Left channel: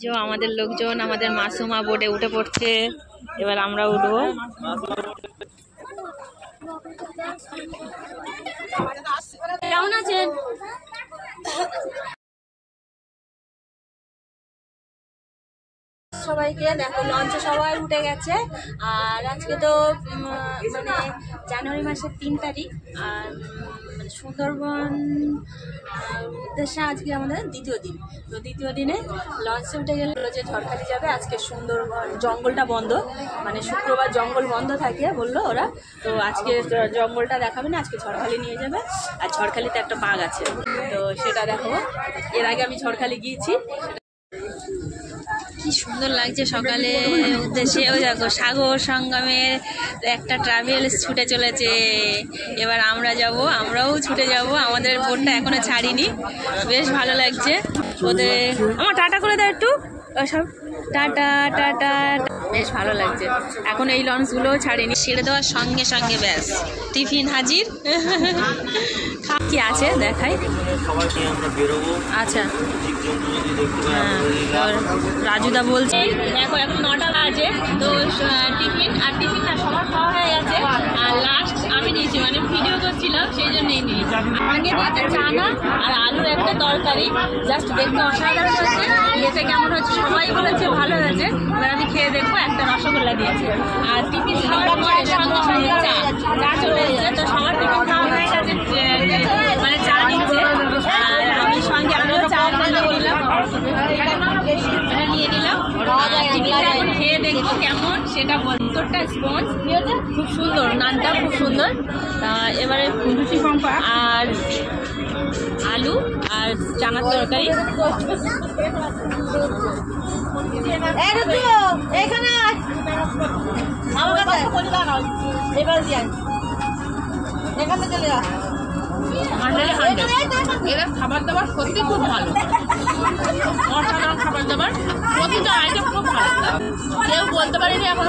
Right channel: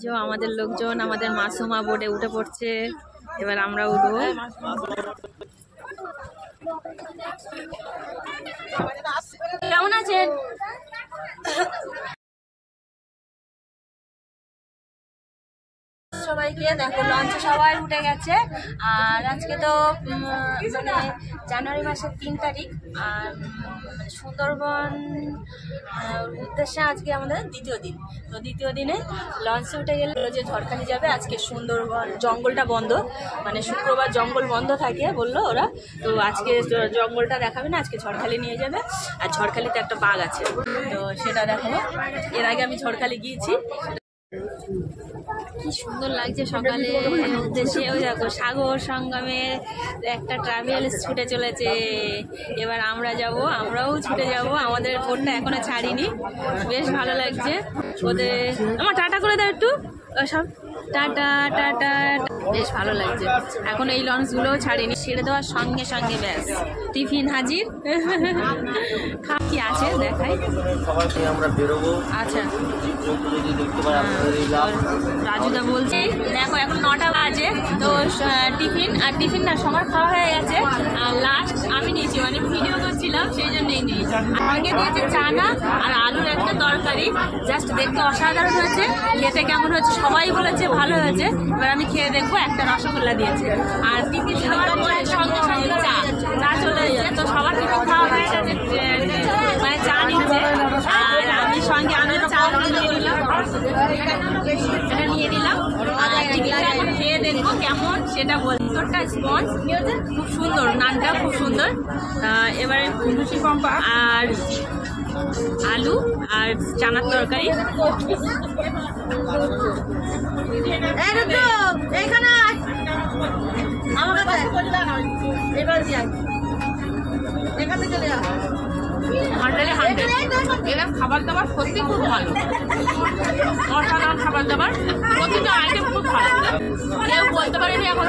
যে আমাদের লোকজন আমাদের মাসুমা বোটে উঠে পড়ছে, এবার আমরা উঠবো। কেমন আছেন? সবাইকে দেখো লঞ্চে সবাই উঠে গেছে। আর আজকে তো মানে জানুয়ারি মাসের 3 তারিখ। আর সুন্দরবন উদ্দেশ্যে আজকে আমাদের দ্বিতীয় দিন। তো দ্বিতীয় দিনে লঞ্চে উঠে গেলে যে ঝড়খালি যাবে। আজকে সুন্দরবন জঙ্গলটা বন্ধ, মানে শুক্রবার জঙ্গল বন্ধ থাকে বললো ওরা। তো আজকে জঙ্গলটা দেখাবে না, আজকে ঝড়খালি নিয়ে যাবে। আর ঝড়খালিতে একটা বাঘ আছে, তো সেটা দেখাবো। এর আগে আমি ঝড়খালি গিয়েছি। কি সুন্দর লাগছে সকালে উদ্দেশ্যে। ওই দেখো সাগর সঙ্গমের একটা ট্রাভেলস ছুটে চলেছে। এবার আমরা যাব, আমরাও ছুটে যাব। আমাদের বোটটা এখনো ছাড়িনি, বেশ ভালো লাগছে ওদের। আমার টাটা করে দাও একটু, সব টাটা টাটা। বেশ ভালো লাগছে। এখন এই লঞ্চগুলোও ছাড়িনি, ছেড়ে দেওয়ার সঙ্গে সঙ্গে ব্যাস টিফিন হাজির। কি আছে দেখাই। আচ্ছা হ্যাঁ, রাজুদা বলছে দেখো এখন 9টা বাজে, তো টিফিন আর টিফিন না সবার খাওয়া হয়ে গেছে। আর লাস্ট আমি নিয়েছি, মানে ভিডিও করছিলাম সেই জন্যই নিয়েছি। আগে নিয়েছি চানা আর আলুর একটা তরকারি, জাস্ট দেখতে অসাধারণ হয়েছে। খেতে কেমন হচ্ছে সবাই বলেছে ভালো হয়েছে। এবার আমি খেয়ে দেখবো। একটা রসগোল্লা দিয়েছে। আর টিফিন খাওয়ার পরে সঙ্গে সঙ্গে চা চলে এসেছে। তো সবার টিফিন খাওয়া হয়ে গেছে, মানে চা নিচ্ছে। আর আমি সঙ্গে আমিও চা নিয়ে নিলাম। খেয়ে দেখবো কেমন সেটা বল। ভিতরটা স্পঞ্জ, খুব সুন্দর, নানটা খুব সুন্দর। এবারে আর আলু আর চানার তরকারি। এখানে এখানে চলে যা। এরা খাবার দাবার সত্যি খুব ভালো, অসাধারণ খাবার দাবার। প্রতিটা আইটেম খুব ভালো, কেউ বলতে পারেনি এখন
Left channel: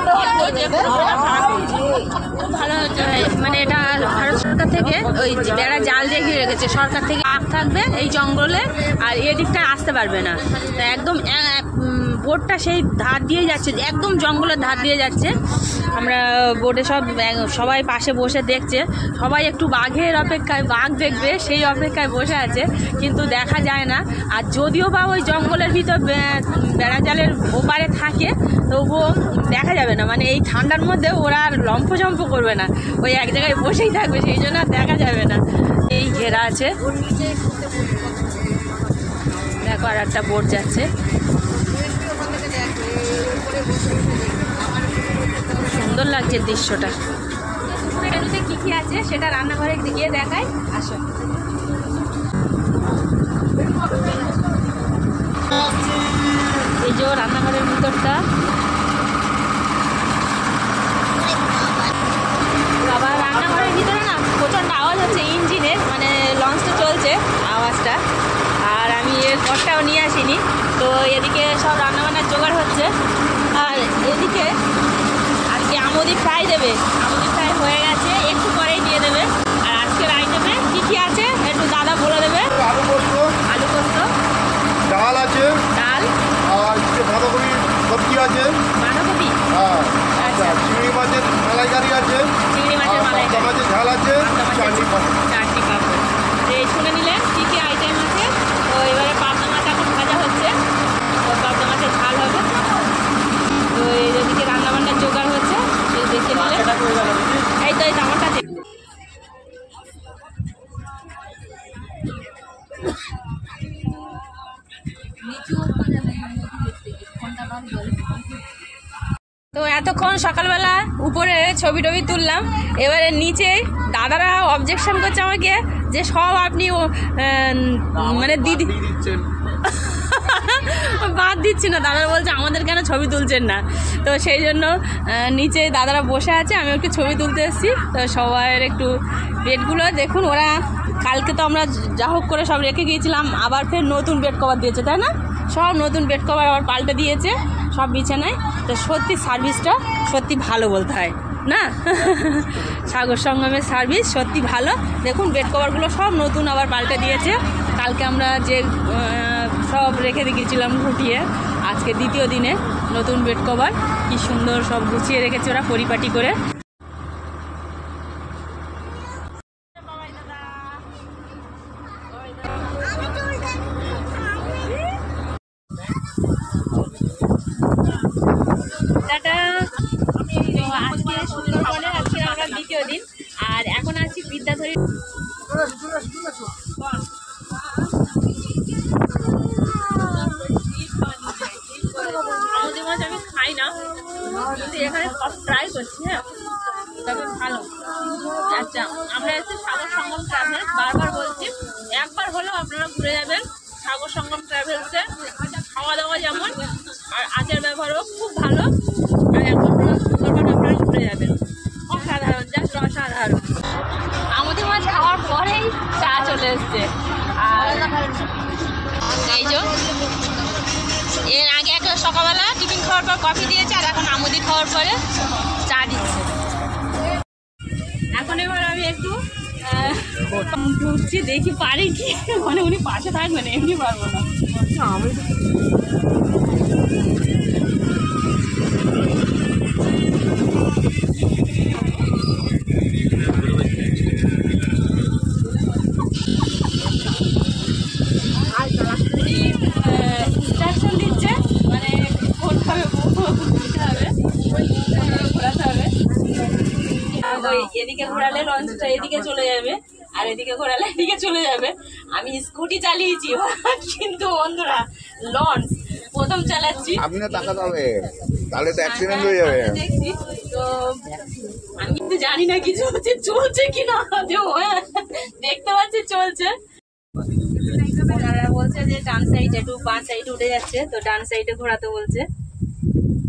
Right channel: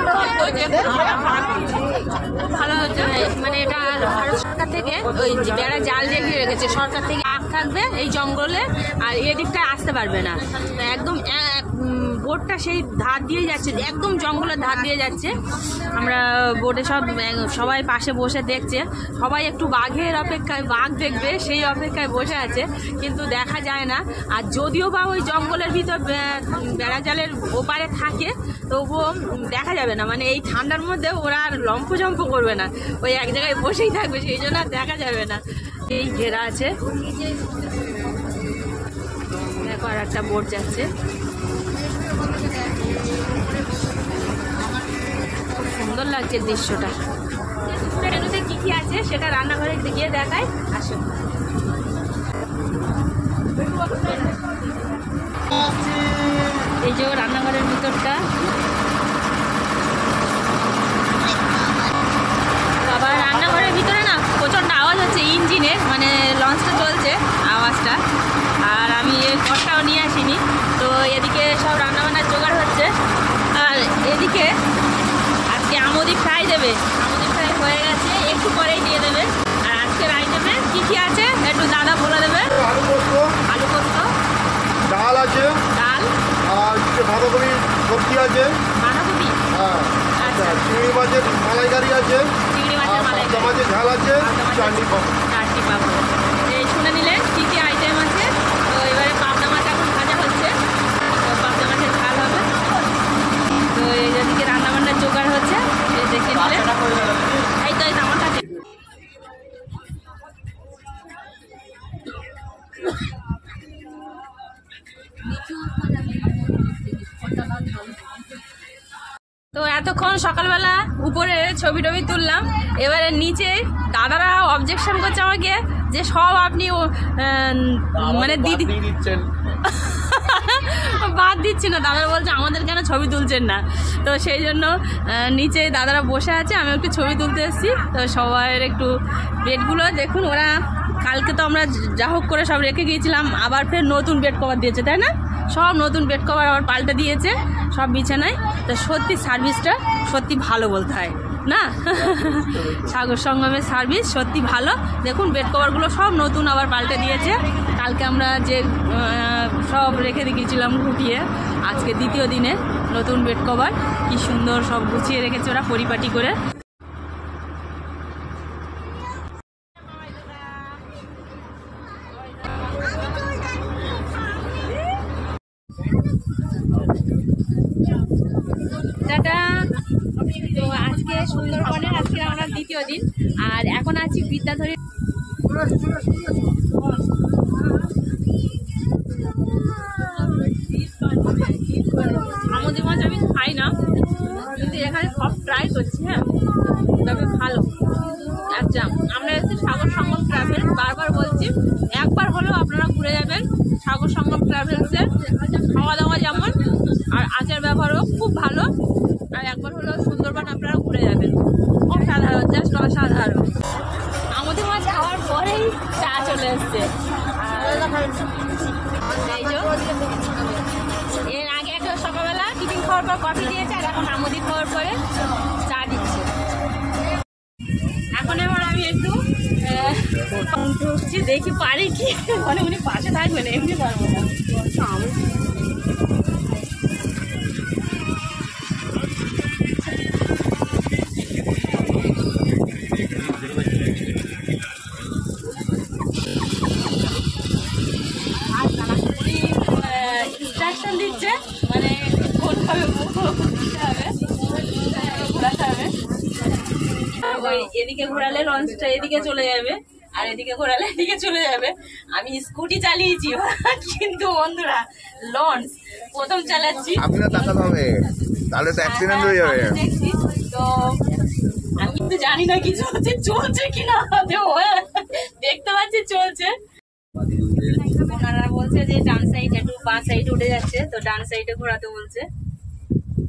খুব ভালো হচ্ছে। মানে এটা ভারত সরকার থেকে ওই বেড়া জাল দিয়ে ঘিরে রেখেছে। সরকার থেকে আগ থাকবে এই জঙ্গলে, আর এদিকটায় আসতে পারবে না। একদম বোটটা সেই ধার দিয়ে যাচ্ছে, একদম জঙ্গলের ধার দিয়ে যাচ্ছে। আমরা বোটে সবাই পাশে বসে দেখছে। সবাই একটু বাঘের অপেক্ষায়, বাঘ দেখবে সেই অপেক্ষায় বসে আছে, কিন্তু দেখা যায় না। আর যদিও বা ওই জঙ্গলের ভিতর বেড়া জালের ওপারে থাকে, তবুও দেখা যাবে না। মানে এই ঠান্ডার মধ্যে ওরা আর লম্ফ করবে না, ওই এক জায়গায় বসেই থাকবে, সেই জন্য আর দেখা যাবে না। এই ঘেরা আছে দেখো, আর একটা বোট যাচ্ছে। সুন্দর লাগছে দৃশ্যটা। কি কি আছে সেটা রান্নাঘরে গিয়ে দেখাই, আসো। এই যে রান্নাঘরের ভিতরটা, আবার রান্নাঘরের ভিতরে না প্রচণ্ড আওয়াজ হচ্ছে ইঞ্জিনের, মানে লঞ্চটা চলছে আওয়াজটা। আর আমি এর ঘরটাও নিয়ে আসিনি, তো এদিকে সব রান্নাবান্নার জোগাড় হচ্ছে। আর এদিকে আজকে আমুদি ফ্রাই দেবে, আমুদি ফ্রাই হয়ে গেছে, একটু পরেই দিয়ে দেবে। আর আজকের আইটেমে কি কি আছে একটু দাদা বলে দেবে। আলু পোস্ত, ডাল আছে, ডাল আর বাঁধাকপি সবজি আছে, বাঁধাকপি, হ্যাঁ আচ্ছা, চিংড়ি মাছের মালাইকারি আছে, চিংড়ি মাছের মালাইকারি, মাছের ঝাল আছে, চাটনি পাঁপড়। এই শুনে নিলেন কি কি আইটেম আছে। তো এবারে পাবদা মাছ এখন ভাজা হচ্ছে, তো পাবদা মাছের ঝাল হবে। তো এই যেদিকে রান্নাবান্নার জোগাড় হচ্ছে দেখে নিলে। এই তো আমার কাছে তো এতক্ষণ সকালবেলা উপরে ছবি টবি তুললাম। এবারে নিচে দাদারা অবজেকশন করছে আমাকে যে সব আপনি মানে দিদি বাদ দিচ্ছি না। দাদারা বলছে আমাদের কেন ছবি তুলছেন না। তো সেই জন্য নিচে দাদারা বসে আছে, আমি একটু ছবি তুলতে এসেছি। তো সবার একটু বেডগুলো দেখুন। ওরা কালকে তো আমরা যা হোক করে সব রেখে গিয়েছিলাম, আবার ফের নতুন বেড কভার দিয়েছে, তাই না? সব নতুন বেড কভার আবার পাল্টে দিয়েছে সব বিছানায়। তো সত্যি সার্ভিসটা সত্যি ভালো বলতে হয় না। সাগর সঙ্গমের সার্ভিস সত্যি ভালো। দেখুন বেড কভারগুলো সব নতুন আবার পাল্টে দিয়েছে। কালকে আমরা যে সব রেখে দিয়েছিলাম ঘুটিয়ে, আজকে দ্বিতীয় দিনে নতুন বেড কভার কি সুন্দর সব গুছিয়ে রেখেছে ওরা পরিপাটি করে। তো আজকে সুন্দরবনে আজকে আমরা দ্বিতীয় দিন, আর এখন আছি বিদ্যাধরী। আমাদের মাছ আমি খাই না, কিন্তু এখানে সব ট্রাই করছি। হ্যাঁ, তবে ভালো। আচ্ছা, আমরা এসেছি সাগর সঙ্গম ট্রাভেলস, বারবার বলছি একবার হলেও আপনারা ঘুরে যাবেন সাগর সঙ্গম ট্রাভেলসে। খাওয়া দাওয়া যেমন, আর আচার ব্যবহারও খুব ভালো। আর একবার হলেও সুন্দরবন আপনারা ঘুরে যাবেন, অসাধারণ, জাস্ট অসাধারণ। আমাদের মাছ খাওয়ার পরেই চা চলে এসছে। আর এই যে এর আগে একটা সকালবেলা টিফিন খাওয়ার পর কফি দিয়েছে, আর এখন আমুদি খাওয়ার পরে চা দিচ্ছে। এখন এবার আমি একটু উঠছি, দেখি পারি কি, মানে উনি পাশে থাকবেন, এমনি পারবো না। ইনস্ট্রাকশন দিচ্ছে, মানে কোনভাবে ঘুরতে হবে, ঘোরাতে হবে। ওই এদিকে ঘোরালে লঞ্চটা এদিকে চলে যাবে, আর এদিকে ঘোরালে এদিকে চলে যাবে। আমি স্কুটি চালিয়েছি, কিন্তু বন্ধুরা লঞ্চ প্রথম চালাচ্ছি। আপনি না তাকাতে হবে, তাহলে তো অ্যাক্সিডেন্ট হয়ে যাবে। দেখছি তো, আমি কিন্তু জানি না কিছু হচ্ছে, চলছে কিনা, দেখতে পাচ্ছি চলছে। ওনারা বলছে যে ডান সাইড একটু বাঁ সাইডে উঠে যাচ্ছে, তো ডান সাইডে ঘোরাতে বলছে।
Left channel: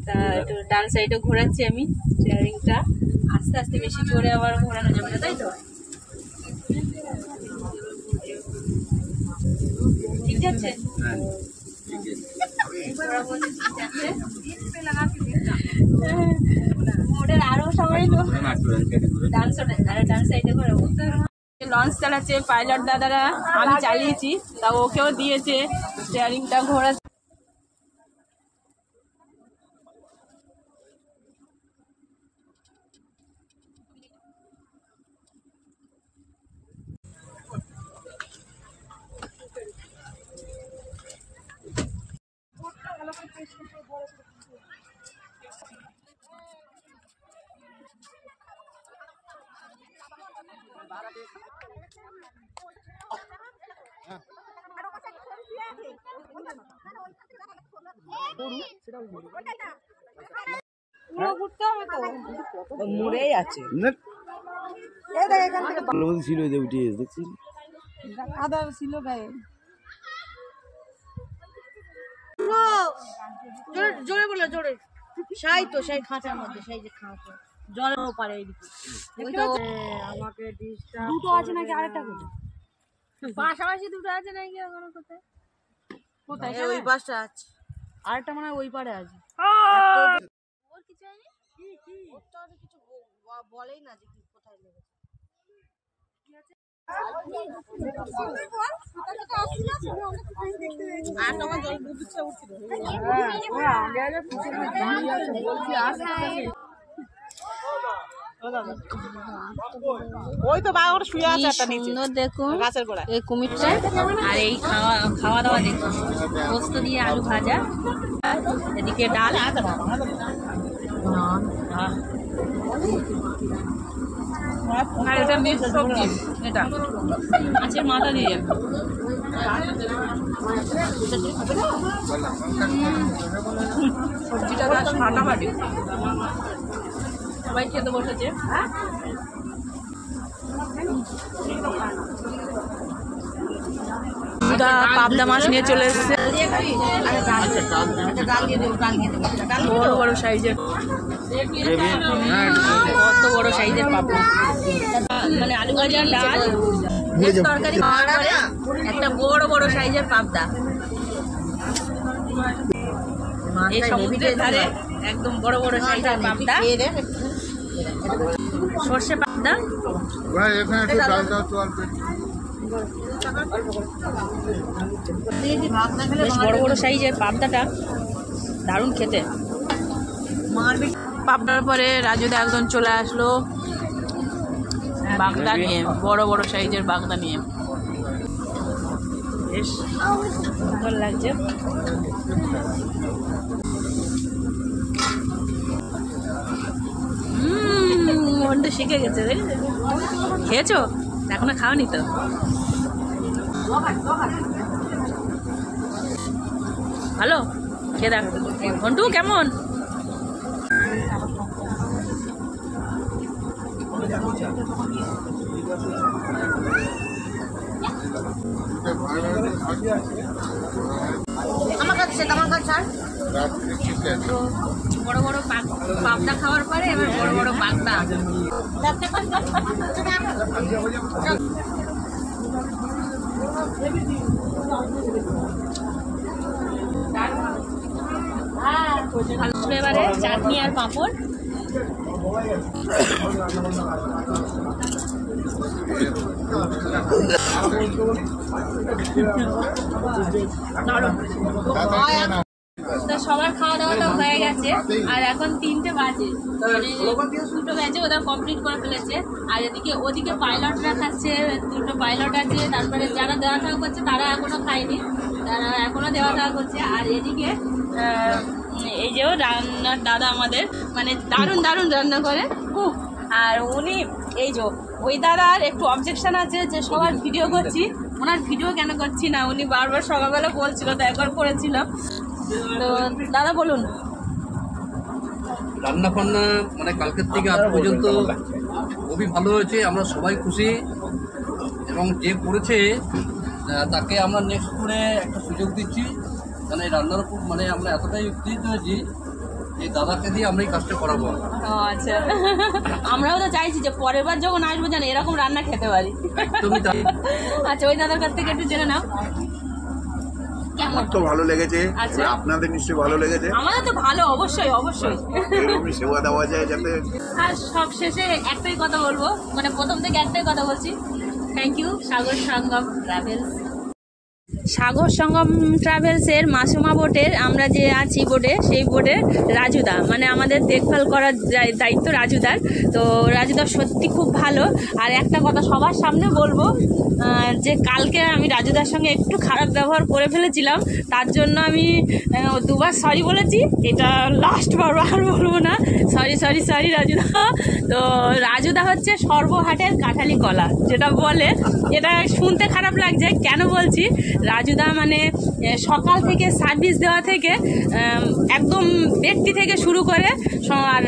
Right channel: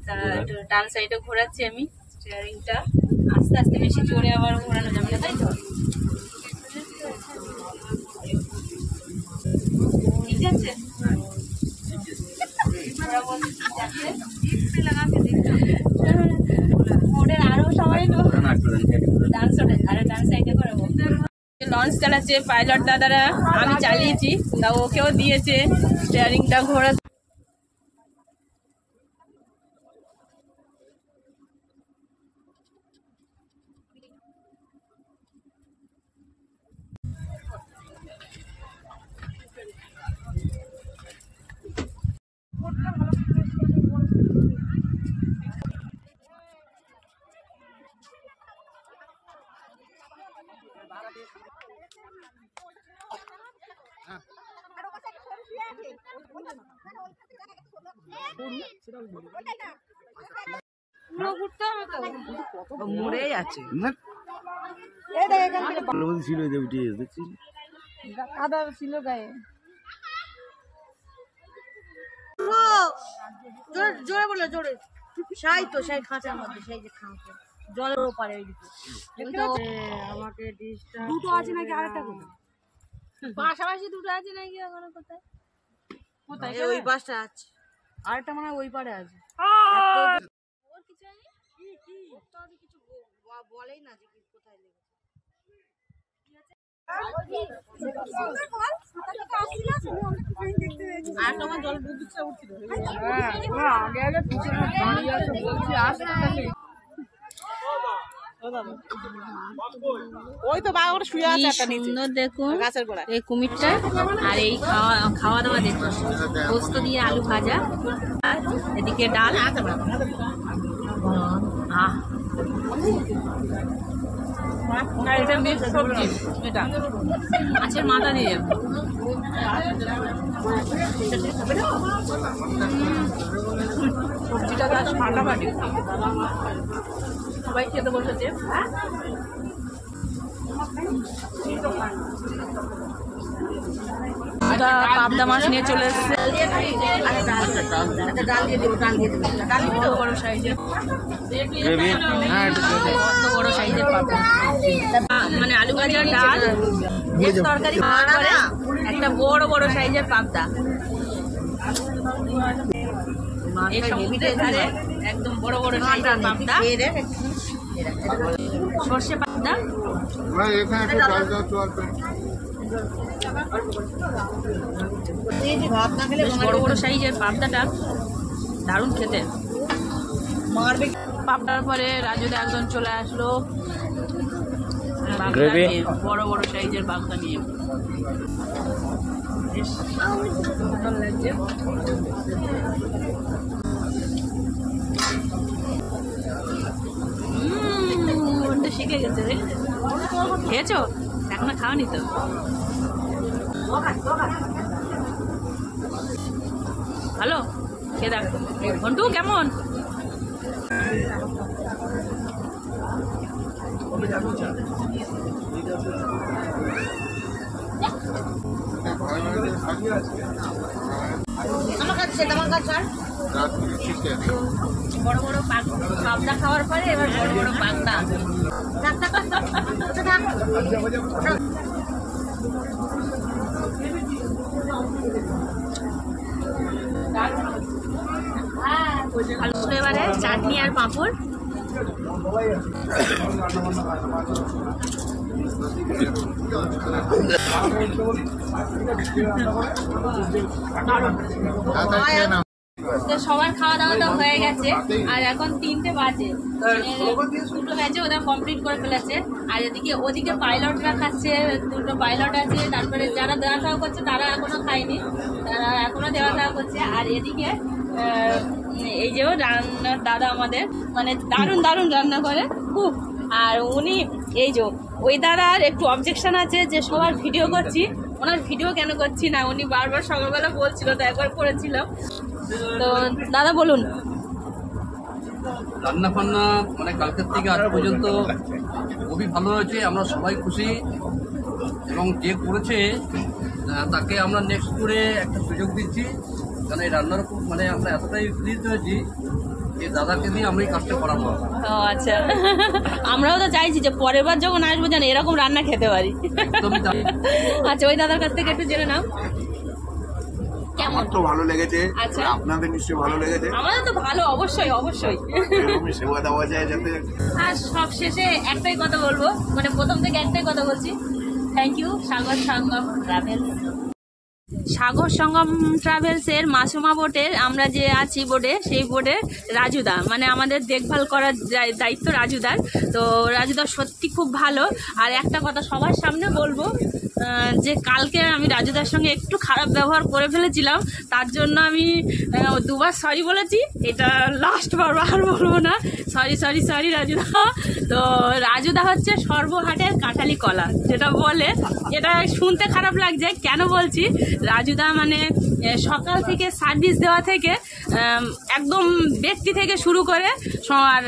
তা একটু ডান সাইডে ঘোরাচ্ছি আমি স্টিয়ারিংটা, আস্তে আস্তে, বেশি জোরে আবার ঘোরানো যাবে না, তাই তো? ঠিক আছে, মোটের আরো সবাই ডান সাইডে ঘোরাবো। লঞ্চ চালাচ্ছে পাইলট দাদারা, আমি চালিয়েছি, তা ওকেও দিয়েছে স্টিয়ারিংটা ঘোরা। মুড়েই আছে ছিল, দেখছিস কাদা ছিল গায়ে। জোরে বললো, জোরে। সাই তো, সাই খাঁচার মধ্যে, সেই যে খাঁচা জলের পারে আমাকে দুটো আছে নাকি, আরেকটা কোথায়? পাশাপাশি দুটো আছে নাকি, ওখানে কোথায় কোথায়? ওই পাশটা আছে, আরেকটা মনে হয় ওই পারে আছে। ওর কিছু হয়নি, কিছু বলেই না যে কোথায় লেগেছে। আর তোমার জল বুঝছে উঠছিল, আগে আগে ওই তো বাঘ শুয়ে আছে একটা নিচে, সুন্দর দেখুন গাছের গোড়ায় এই কুমিরটা। আর এই খাওয়া দাওয়া দেখুন, পোস্ত দিয়ে আলু ভাজা, এদিকে ডাল, আর এটা মিক্স সবজি, এটা মাছের মাথা দিয়ে। সবজিটা গাছ ফাটাফাটি, সবাই খেতে বসেছে। পাবদা মাছ নিয়ে চলে এসছে, বড় বড় সাইজের, কত বড় সাইজের পাবদা। মানে আলু ভাজা, ডাল, তরকারি খাওয়ার পরে একটা বড় বড় সাইজের পাবদা। এই সমুদ্রের ধারে একদম বড় বড় সাইজের পাবদা, সর্ষে পাবদা। বেশ বড় বড় সাইজের পাবদাটা দারুণ খেতে। পাবনার পরে রাজুদা একজন চলে আসলো বাগদা নিয়ে, বড় বড় সাইজের বাগদা নিয়ে। বেশ সুন্দর লাগছে। মন তো শিখে গেছে। খেয়েছো? এখনো খাওনি তো? ভালো খেয়ে দেখ। ঘন্টু কেমন? আমার কাছে আমার কাছে তো বড় বড় পাবদা খাওয়ার পরে এবার বড় বড় বাগদা। এবারে চাটনি আর পাঁপড়। তো সবার খাওয়া দাওয়াটা হয়ে গেছে আর এখন 3টে বাজে। 2টো ব্যাচে ওরা কমপ্লিট করে ফেলেছে। আর এদিকে ওদিকে পাইলটরা খাচ্ছে, 2টো পাইলট আছে। তারপরে যারা দেওয়া থাকা করছে তারা এখনো খায়নি, তারা এখনো দেওয়া থাকা করছে। আর এদিকে এই যে রান্নার দাদা আমাদের মানে দারুণ দারুণ রান্না করে খুব। আর উনি এই যে ওই দাদার একটু অবজেকশন আছে যে সবার ভিডিও করছি, ওনার ভিডিও কেন করছি না উনি বারবার সকালবেলা বলছিল, তো একবার করেছিল। তো দাদা বলুন। রান্না ফান্না মানে কালকের থেকে আজ পর্যন্ত খুবই ভালো হয়েছে, আমরা সবাই খুশি। এবং যে করেছে তাকে আমরা নেক্সট করে একটা সুযোগ দিচ্ছি, কারণ এই রান্নার উপর মানে আমরা এতটাই উত্তেজিত হয়েছি এই দাদাকে দিয়ে আমরা এই কাজটা করাবো। আচ্ছা, আমরাও তো চাইছি যে পরের বার যখন আসবো যেন এরকম রান্না খেতে পারি। একদমই তাই। আচ্ছা, ওই দাদার কাছ থেকে একটু জেনে নাও। আমার তো ভালো লেগেছে, আচ্ছা। আপনাদের নিশ্চয়ই ভালো লেগেছে। আমাদের তো ভালো, অবশ্যই অবশ্যই। এরকমই সেবা দেওয়া যায় যাতে। আর সব শেষে একটাই কথা বলবো, মানে প্রথম থেকে একটাই কথা বলছি, thank you Sagar Sangam travels. Sagar Sangam ট্রাভেলসের মাসুমা বোটের আমরা যে আছি বোটে, সেই বোটের রাজুদা মানে আমাদের দেখভাল করার দায়িত্ব রাজুদার। তো রাজুদা সত্যি খুব ভালো। আর একটা কথা সবার সামনে বলবো যে কালকে আমি রাজুদার সঙ্গে একটু খারাপ ব্যবহার করে ফেলেছিলাম, তার জন্য আমি 2বার সরি বলেছি। এটা লাস্ট বার আর বলবো না। সরি সরি সরি রাজুদা। তো রাজুদা হচ্ছে সর্বহাটের কাঁঠালি কলা যেটা বলে, এটা শুনতে খারাপ লাগছে। কেন বলছি, রাজুদা মানে সকাল থেকে সার্ভিস দেওয়া থেকে একদম ব্যক্তি থেকে শুরু করে আর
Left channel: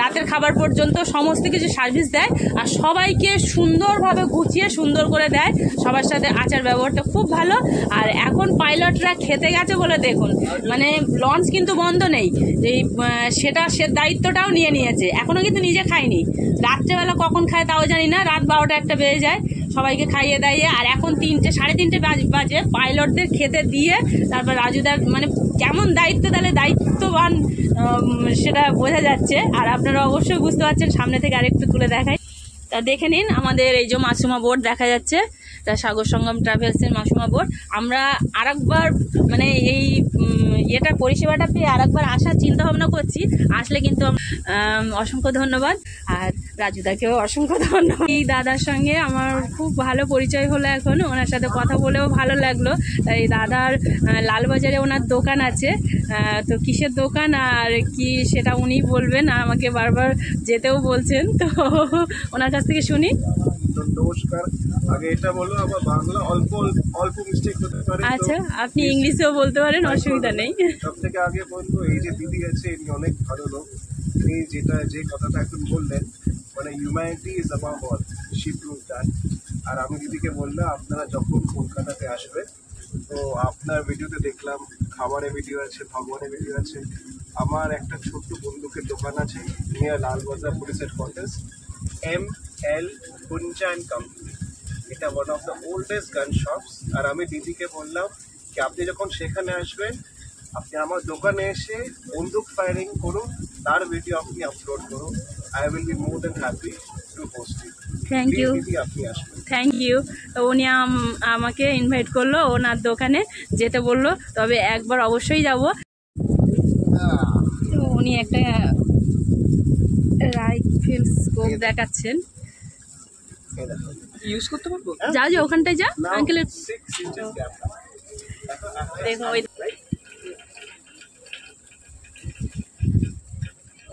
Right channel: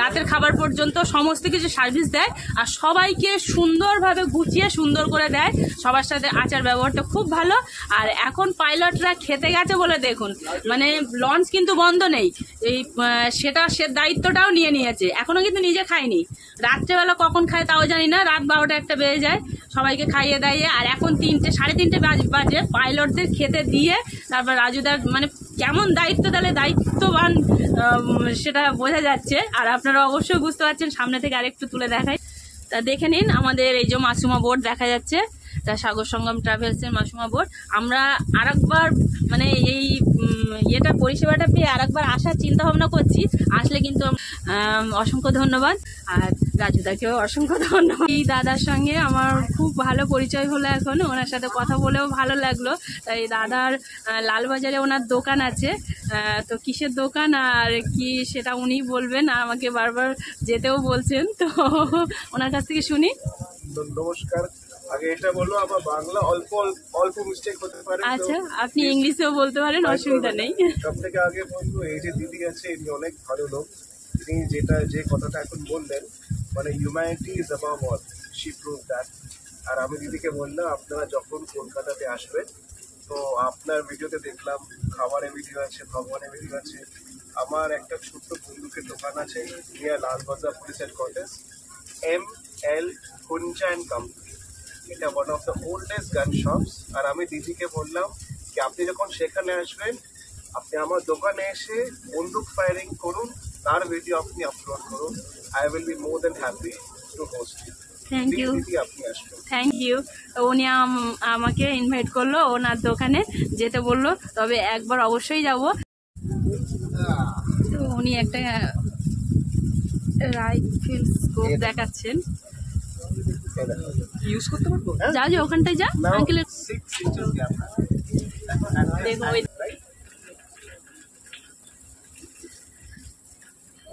রাতের খাবার পর্যন্ত সমস্ত কিছু সার্ভিস দেয়। আর সবাইকে সুন্দরভাবে গুছিয়ে সুন্দর করে দেয়, সবার সাথে আচার ব্যবহারটা খুব ভালো। আর এখন পাইলটরা খেতে গেছে বলে দেখুন, মানে লঞ্চ কিন্তু বন্ধ নেই, এই সে দায়িত্বটাও নিয়ে নিয়েছে। এখনও কিন্তু নিজে খায়নি, রাত্রেবেলা কখন খায় তাও জানি না, রাত 12টা 1টা বেজে যায়, সবাইকে খাইয়ে দাইয়ে। আর এখন 3টে 3:30 বাজে পাইলটদের খেতে দিয়ে তারপর রাজুদার মানে কেমন দায়িত্ব তাহলে দায়িত্ববান সেটা বোঝা যাচ্ছে। আর আপনারা অবশ্যই বুঝতে পারছেন। সামনে থেকে আরেকটু তুলে দেখাই, তা দেখে নিন। আমাদের এই যে মাসুমা বোট দেখা যাচ্ছে, তা সাগর সঙ্গম ট্রাভেলসের মাসুমা বোট। আমরা আরেকবার মানে এই ইয়েটা পরিষেবাটা পেয়ে আরেকবার আসার চিন্তা ভাবনা করছি। আসলে কিন্তু অসংখ্য ধন্যবাদ। আর রাজুদাকেও অসংখ্য ধন্যবাদ। এই দাদার সঙ্গে আমার খুব ভালো পরিচয় হলো এখন, ওনার সাথে কথা বলেও ভালো লাগলো। তাই দাদার লালবাজারে ওনার দোকান আছে, তো কিসের দোকান আর কি সেটা উনি বলবেন, আমাকে বারবার যেতেও বলছেন। তো ওনার কাছ থেকে শুনি। নমস্কার, আগে এটা বলো, আমার বাংলা অল্প অল্প মিস্টেক হতে পারে। আচ্ছা, আপনি ইংলিশেও বলতে পারেন, অসুবিধা নেই। সব থেকে আগে বলবো, এই যে দিদি আছে ইনি অনেক ভালো লোক। ইনি যে কথাটা এখন বললেন, মানে humanity is above all, she prove that. আর আমি দিদিকে বললাম আপনারা যখন কলকাতাতে আসবেন, তো আপনার ভিডিওতে দেখলাম খাবারের ভিডিও আছে, ভগবানের ভিডিও আছে। আমার একটা ছোট্ট বন্দুকের দোকান আছে near Lalbazar police headquarters, ML Hunja and Company। এটা ওয়ান অফ দ্য ওল্ডেস্ট গান শপস। আর আমি দিদিকে বললাম কি আপনি যখন সেখানে আসবেন, আপনি আমার দোকানে এসে বন্দুক ফায়ারিং করুন, তার ভিডিও আপনি আপলোড করুন। I will be more then happy to host it. Thank you, দিদি আপনি আসবেন। Thank you. উনি আমাকে ইনভাইট করলো ওনার দোকানে যেতে বললো, তবে একবার অবশ্যই যাব। তো উনি একটা রাইফেল স্কোপ দেখাচ্ছেন। ইউজ করতে পারবো? যা যা ওখানটায় যা আঙ্কেলের 6 inches gap দেখো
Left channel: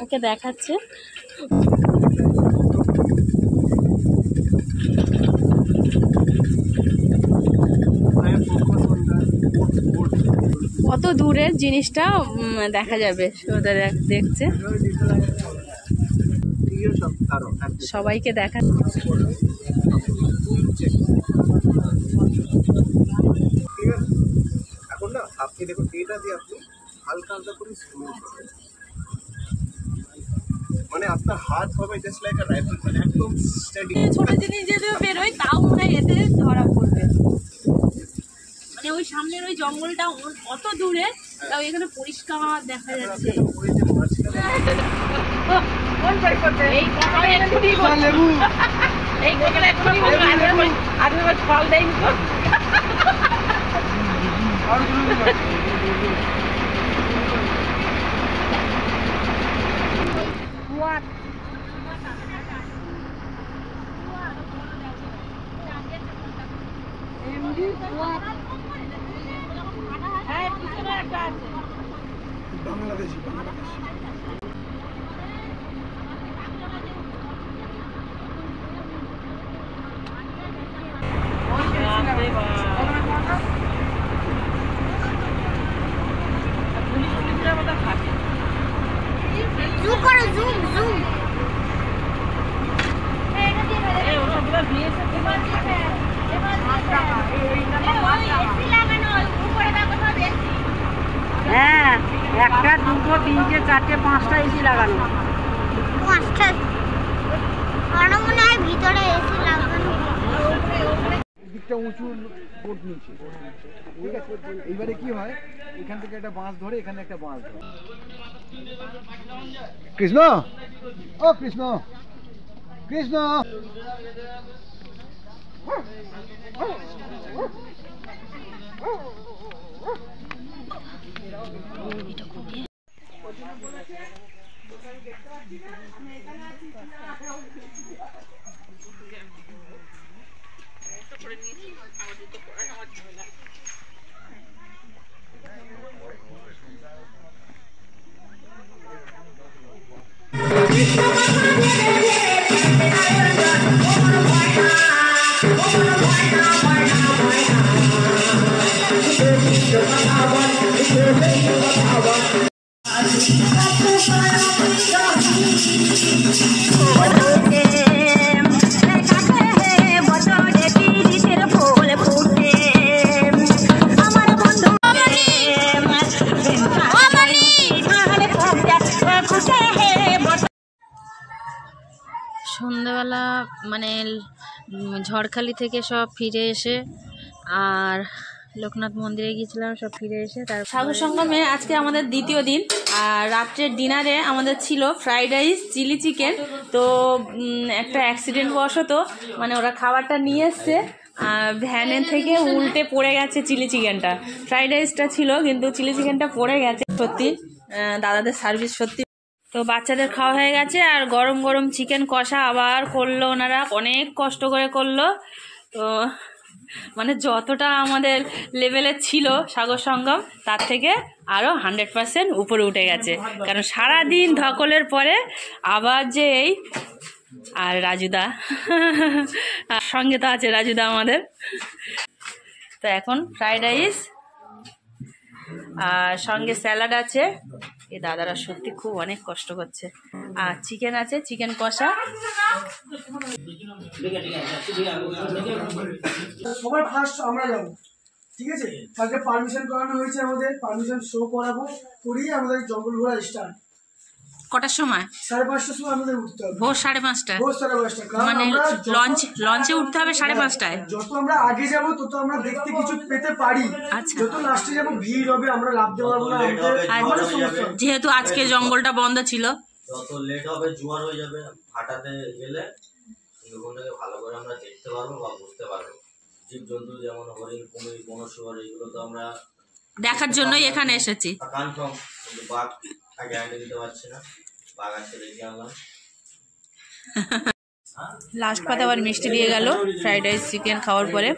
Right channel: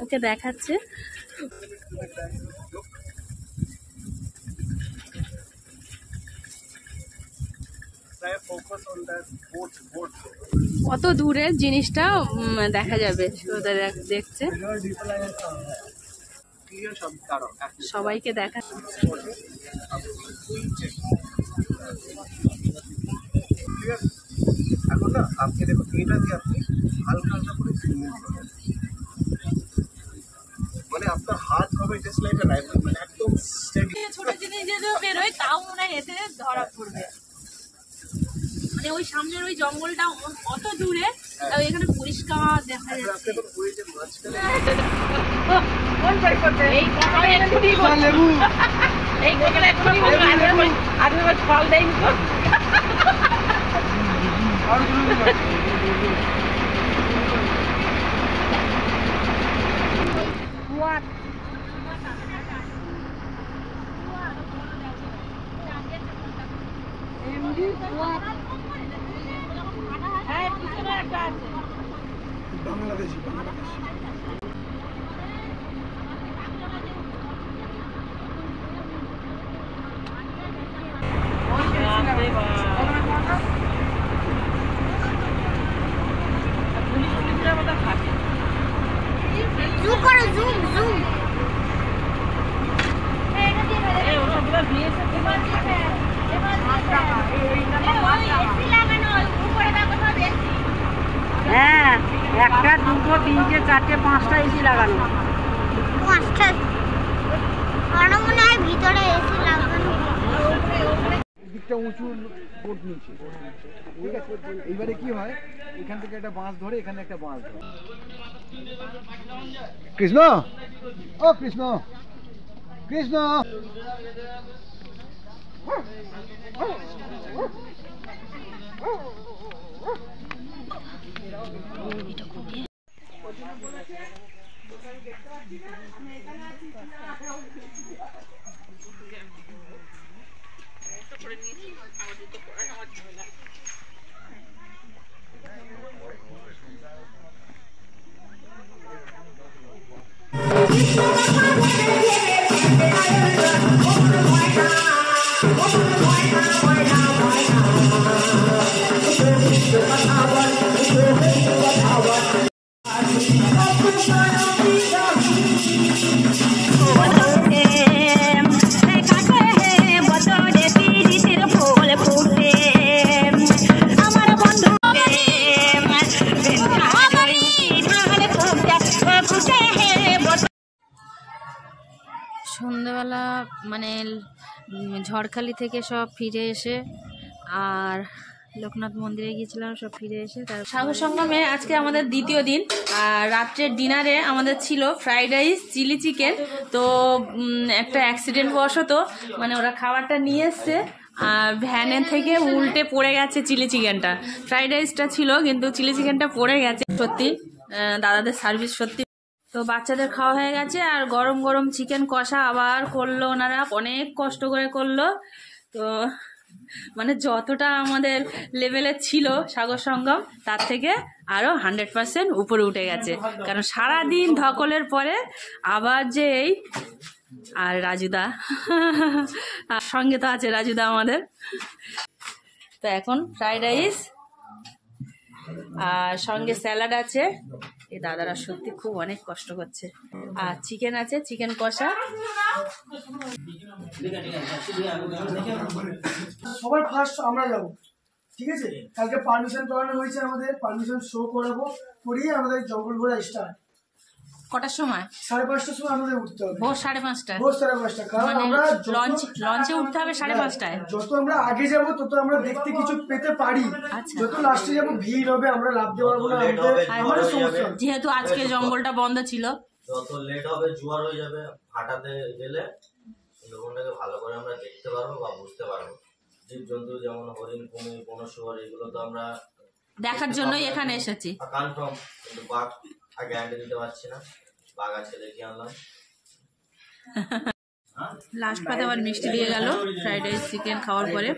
ওকে দেখাচ্ছে। কত দূরের জিনিসটা দেখা যাবে ওদের দেখছে। সবাইকে দেখা এখন না আপনি দেখুন এটা দিয়ে আপনি হালকা হালকা করে মানে আপনার হাত হবে জাস্ট লাইক আ রাইফেল, মানে একদম স্টেডি। ছোট জিনিস যদি বেরোয় তাও মনে হয় এতে ধরা পড়বে। মানে ওই সামনের ওই জঙ্গলটা অত দূরে, তাও এখানে পরিষ্কার দেখা যাচ্ছে। ফল দেয়নি তো। বাংলাদেশি হ্যাঁ, একটা দুটো তিনটে চারটে পাঁচটা এসি লাগানো। পাঁচটা আরো মনে হয় ভিতরে এসি লাগানো। দিকটা উঁচু বোট নিচে, ঠিক আছে। এইবারে কি হয়, এখান থেকে একটা বাঁশ ধরে এখানে একটা বাঁশ ধরে। কৃষ্ণ, ও কৃষ্ণ, কৃষ্ণ। সন্ধ্যাবেলা মানে ঝড়খালি থেকে সব ফিরে এসে আর লোকনাথ মন্দিরে গিয়েছিলাম, সব ফিরে এসে তার সাগর সঙ্গমে আজকে আমাদের দ্বিতীয় দিন। আর রাত্রের ডিনারে আমাদের ছিল ফ্রাইড রাইস, চিলি চিকেন। তো একটা অ্যাক্সিডেন্ট বশত মানে ওরা খাবারটা নিয়ে এসছে, ভ্যানে থেকে উল্টে পড়ে গেছে চিলি চিকেনটা। ফ্রাইড রাইসটা ছিল কিন্তু চিলি চিকেনটা পড়ে গেছে। সত্যি দাদাদের সার্ভিস সত্যি। তো বাচ্চাদের খাওয়া হয়ে গেছে, আর গরম গরম চিকেন কষা আবার করলো ওনারা, অনেক কষ্ট করে করলো। তো মানে যতটা আমাদের লেভেলে ছিল সাগর সঙ্গম তার থেকে আরও 100% উপরে উঠে গেছে। কারণ সারাদিন ধকলের পরে আবার যে এই আর রাজুদা আর সঙ্গে তো আছে রাজুদা আমাদের। তো এখন ফ্রাইড রাইস আর সঙ্গে স্যালাড আছে। এই দাদারা সত্যি খুব অনেক কষ্ট করছে। আর চিকেন আছে, চিকেন কষা। সবার ফার্স্ট আমরা যাবো, ঠিক আছে। কালকে পারমিশন করানো হয়েছে, আমাদের পারমিশন শো করাবো, করিয়ে আমাদের জঙ্গল ঘোরা স্টার্ট। কটার সময়? 5:30টার সময় আমাদের উঠতে হবে। ভোর 5:30টায়? ভোর 5:30টা। কারণ মানে আমরা লঞ্চে উঠতে হবে 5:30টায়। যত আমরা আগে যাব তত আমরা দেখতে কিছু পেতে পারি। আচ্ছা। যত লাস্টে যাবো ভিড় হবে, আমরা লাভতে পারবো না, আমাদের সমস্যা। যেহেতু আজকে জঙ্গলটা বন্ধ ছিল, যত লেট হবে জোয়ার হয়ে যাবে। ভাটাতে গেলে সুন্দরবনটাকে ভালো করে আমরা দেখতে পারবো বা বুঝতে পারবো। জীবজন্তু যেমন হরিণ, কুমির, বন শুয়োর, এগুলো তো আমরা দেখার জন্যই এখানে এসেছি। কনফার্ম, কিন্তু বাঘ আগে আগে দিতে পারছি না, বাঘ আছে দেখে আনলাম। লাস্ট কথা আবার মিষ্টি দিয়ে গেল ফ্রাইড রাইস চিকেন খাওয়ার পরে।